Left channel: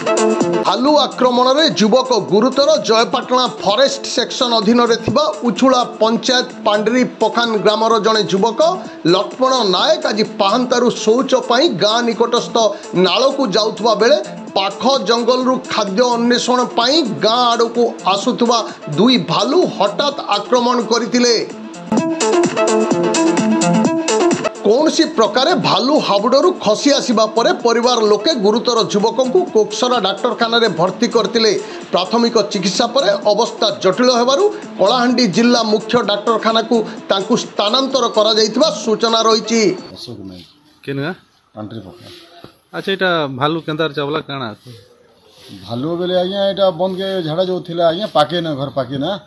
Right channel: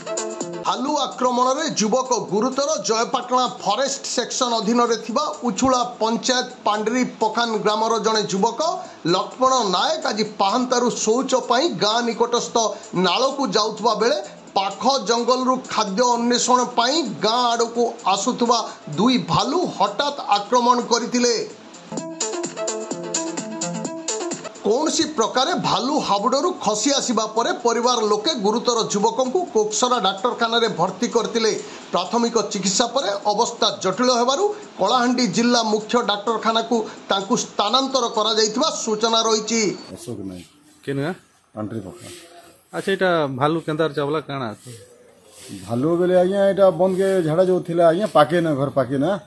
भालू आक्रमण में युवक गुरुतर जयपाटना फॉरेस्ट सेक्शन अधीन उछुला पंचायत पांडरी पखान ग्रामर जड़े युवक लक्ष्मण नायक आज पाहांतारू शौच पर गाँ निकटस्थ नाल को जाउथुबा बेले पाख जंगल रु खाद्य अन्वेषण पर गाँ आड़ को आसुथुबा दुई भालू हठात आक्रमण करथिले। कौन सी प्रकार भालू हाबुडू खसी आसवा पर परिवार लोके गुरुतर युवक को कोकसरा डाक्तरखाना भर्ती करते। प्राथमिक चिकित्सा पर अवस्था जटिल होबारु कलाहांडी जिला मुख्य डाक्तरखाना को तांकु स्थानांतर करा जायतिबा सूचना रही। अच्छा एटा भालू केंदार चावला काना भालू बेले आज्ञा एटा बंद के झाड़ा जो थिला आज्ञा पाके ना घर पाके ना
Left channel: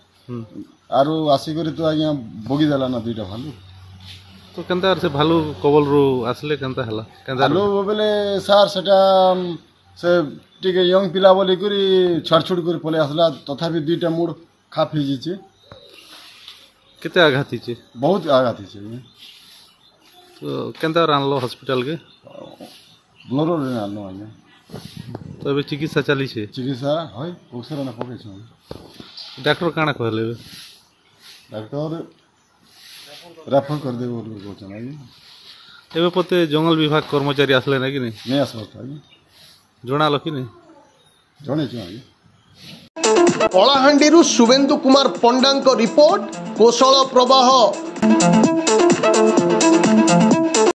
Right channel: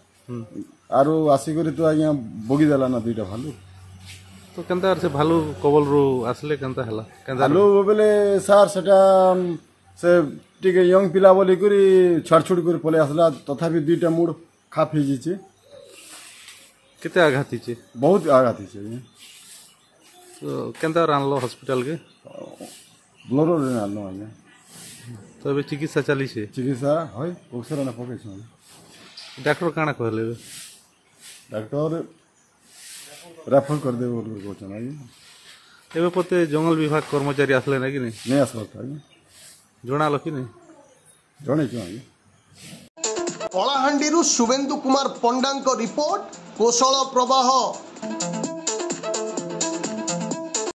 आरो आसी करी तो आज्ञा बोगी देला ना दुईटा भालू तो केंदार से भालू कबल रु आसले केंता हला भालू बेले सार सेटा से टिके यंग पिला बोली करी छड़छुड़ कर पले आसला तथापि दुईटा मुड़ खाप हे जिचे केते आघात हिचे बहुत आघात हिचे तो केंदार आनलो हॉस्पिटल के ब्लोरो रे आनो आने तो अभी चिकित्सा चली छे चिकित्सा होय ओक्सरा ना पके छ डॉक्टर काना कहले डॉक्टर रेफर कर दे बोल बोचना एबे पते जंगल विभाग कर्मचारी आसले ना कि नहीं आसबो जोना लकी नहीं जणे छ कलाहांडी शुभेन्दु कुमार पंडा रिपोर्ट कोशल प्रवाह।